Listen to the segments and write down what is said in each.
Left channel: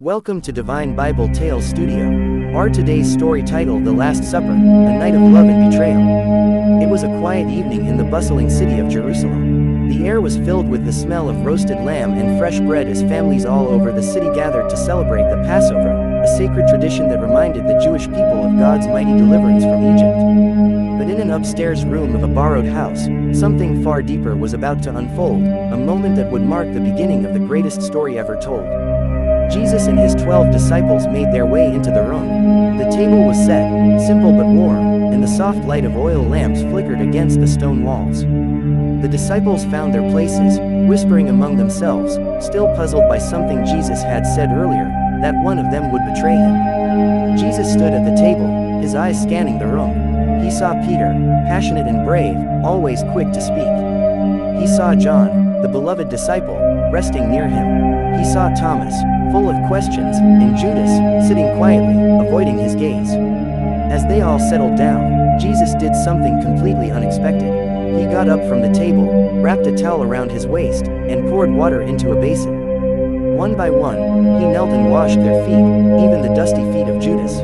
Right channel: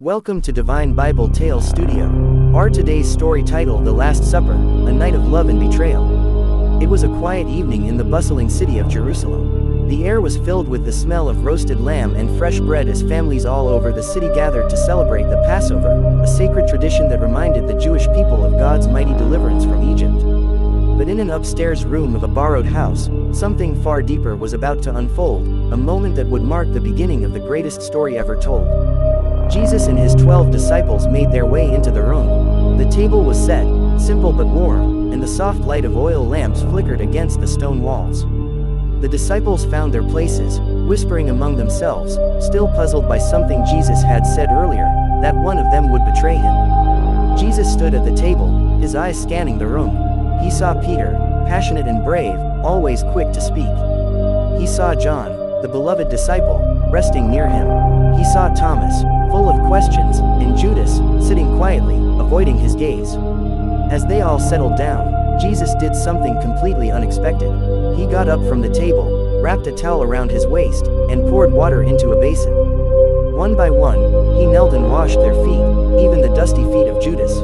Welcome to Divine Bible Tales Studio. Our today's story title The Last Supper, A Night of Love and Betrayal. It was a quiet evening in the bustling city of Jerusalem. The air was filled with the smell of roasted lamb and fresh bread as families all over the city gathered to celebrate the Passover, a sacred tradition that reminded the Jewish people of God's mighty deliverance from Egypt. But in an upstairs room of a borrowed house, something far deeper was about to unfold, a moment that would mark the beginning of the greatest story ever told. Jesus and his 12 disciples made their way into the room. The table was set, simple but warm, and the soft light of oil lamps flickered against the stone walls. The disciples found their places, whispering among themselves, still puzzled by something Jesus had said earlier, that one of them would betray him. Jesus stood at the table, his eyes scanning the room. He saw Peter, passionate and brave, always quick to speak. He saw John, the beloved disciple, resting near him. He saw Thomas, full of questions, and Judas, sitting quietly, avoiding his gaze. As they all settled down, Jesus did something completely unexpected. He got up from the table, wrapped a towel around his waist, and poured water into a basin. One by one, he knelt and washed their feet, even the dusty feet of Judas.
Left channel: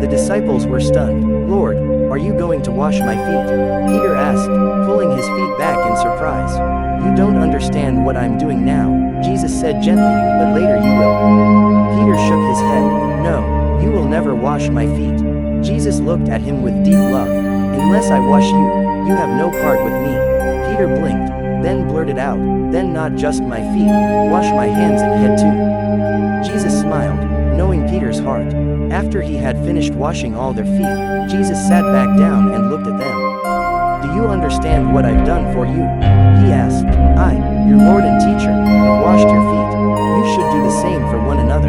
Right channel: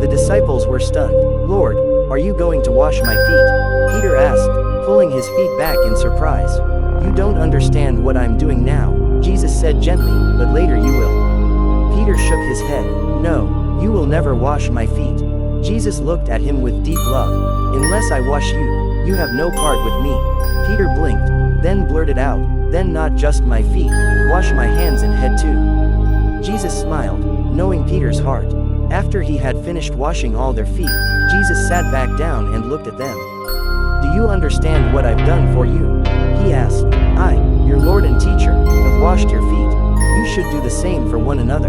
The disciples were stunned. "Lord, are you going to wash my feet?" Peter asked, pulling his feet back in surprise. "You don't understand what I'm doing now," Jesus said gently, "but later you will." Peter shook his head. "No, you will never wash my feet." Jesus looked at him with deep love. "Unless I wash you, you have no part with me." Peter blinked, then blurted out, "Then not just my feet, wash my hands and head too." Jesus smiled, knowing Peter's heart. After he had finished washing all their feet, Jesus sat back down and looked at them. "Do you understand what I've done for you?" he asked. "I, your Lord and teacher, have washed your feet. You should do the same for one another.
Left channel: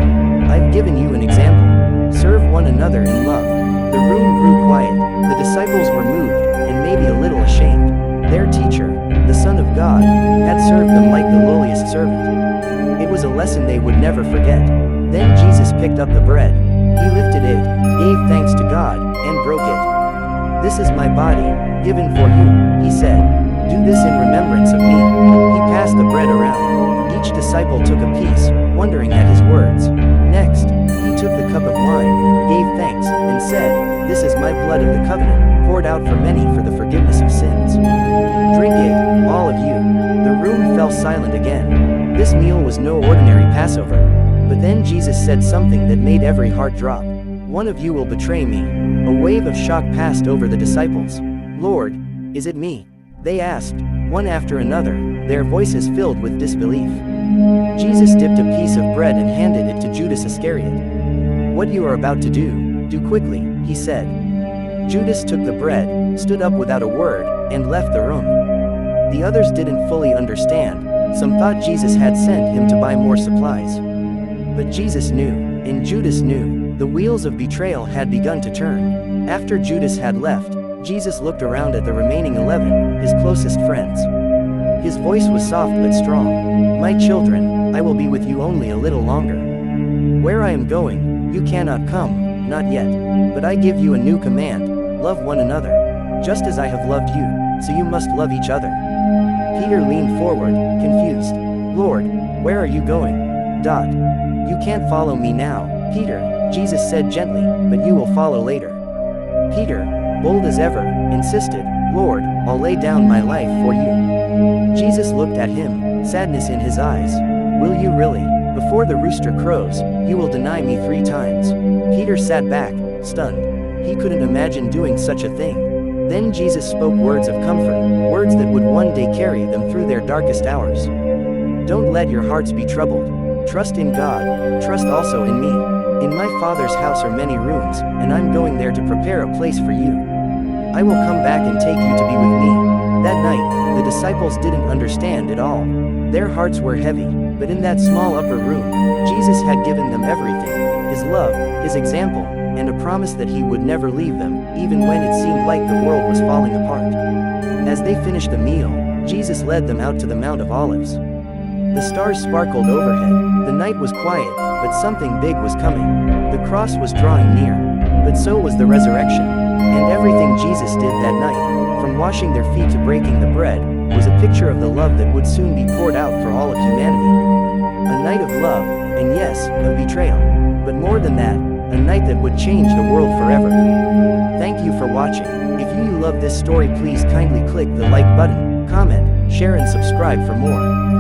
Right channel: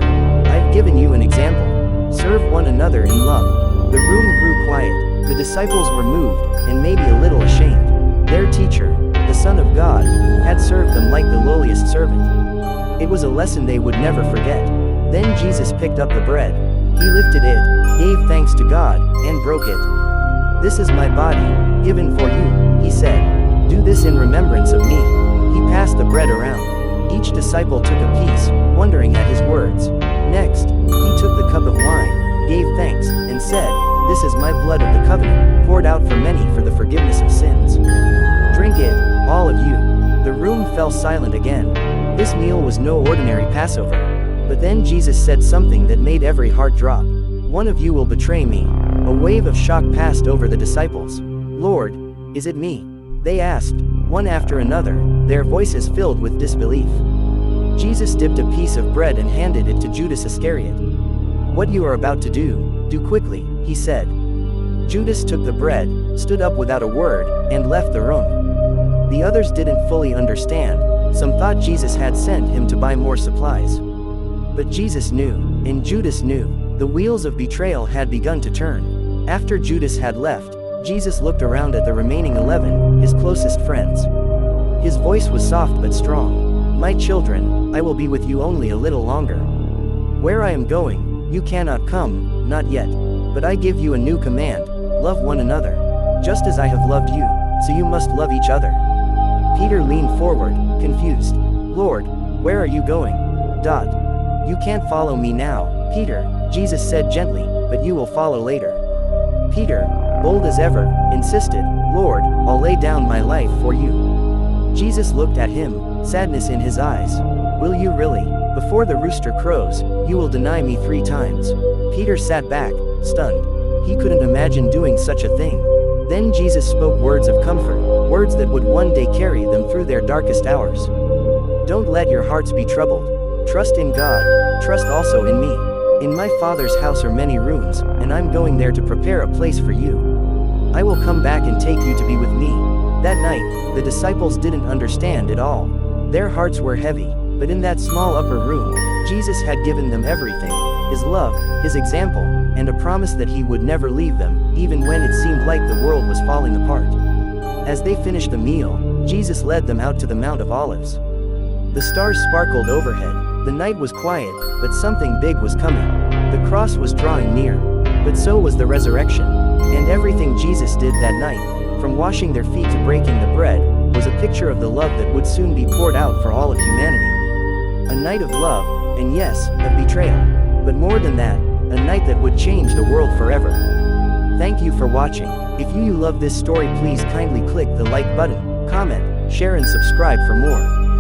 I've given you an example. Serve one another in love." The room grew quiet. The disciples were moved, and maybe a little ashamed. Their teacher, the Son of God, had served them like the lowliest servant. It was a lesson they would never forget. Then Jesus picked up the bread. He lifted it, gave thanks to God, and broke it. "This is my body, given for you," he said. "Do this in remembrance of me." He passed the bread around. Each disciple took a piece, wondering at his words. Next, he took the cup of wine, gave thanks, and said, "This is my blood of the covenant, poured out for many for the forgiveness of sins. Drink it, all of you." The room fell silent again. This meal was no ordinary Passover. But then Jesus said something that made every heart drop. "One of you will betray me." A wave of shock passed over the disciples. "Lord, is it me?" they asked, one after another, their voices filled with disbelief. Jesus dipped a piece of bread and handed it to Judas Iscariot. "What you are about to do quickly," he said. Judas took the bread, stood up without a word, and left the room. The others didn't fully understand. Some thought Jesus had sent him to buy more supplies. But Jesus knew, and Judas knew, the wheels of betrayal had begun to turn. After Judas had left, Jesus looked around at the remaining 11, his closest friends. His voice was soft but strong. "My children, I will be with you only a little longer. Where I am going, you cannot come, not yet. But I give you a new command, love one another. Just as I have loved you, so you must love each other." Peter leaned forward, confused. "Lord, where are you going?" "You can't follow me now, Peter," Jesus said gently, "but you will follow later." Peter, bold as ever, insisted, "Lord, I'll lay down my life for you." Jesus looked at him, sadness in his eyes. "Will you really? Before the rooster crows, you will deny me 3 times. Peter sat back, stunned. He couldn't imagine doing such a thing. Then Jesus spoke words of comfort, words that would one day carry them through their darkest hours. "Don't let your hearts be troubled. Trust in God, trust also in me. In my Father's house are many rooms, and I'm going there to prepare a place for you. I will come back and take you to be with me." That night, the disciples didn't understand at all. Their hearts were heavy, but in that small upper room, Jesus had given them everything: his love, his example, and a promise that he would never leave them, even when it seemed like the world was falling apart. As they finished the meal, Jesus led them out to the Mount of Olives. The stars sparkled overhead. The night was quiet, but something big was coming. The cross was drawing near, but so was the resurrection. And everything Jesus did that night, from washing their feet to breaking the bread, was a picture of the love that would soon be poured out for all of humanity. A night of love, and yes, of betrayal. But more than that, a night that would change the world forever. Thank you for watching. If you love this story, please kindly click the like button, comment, share and subscribe for more.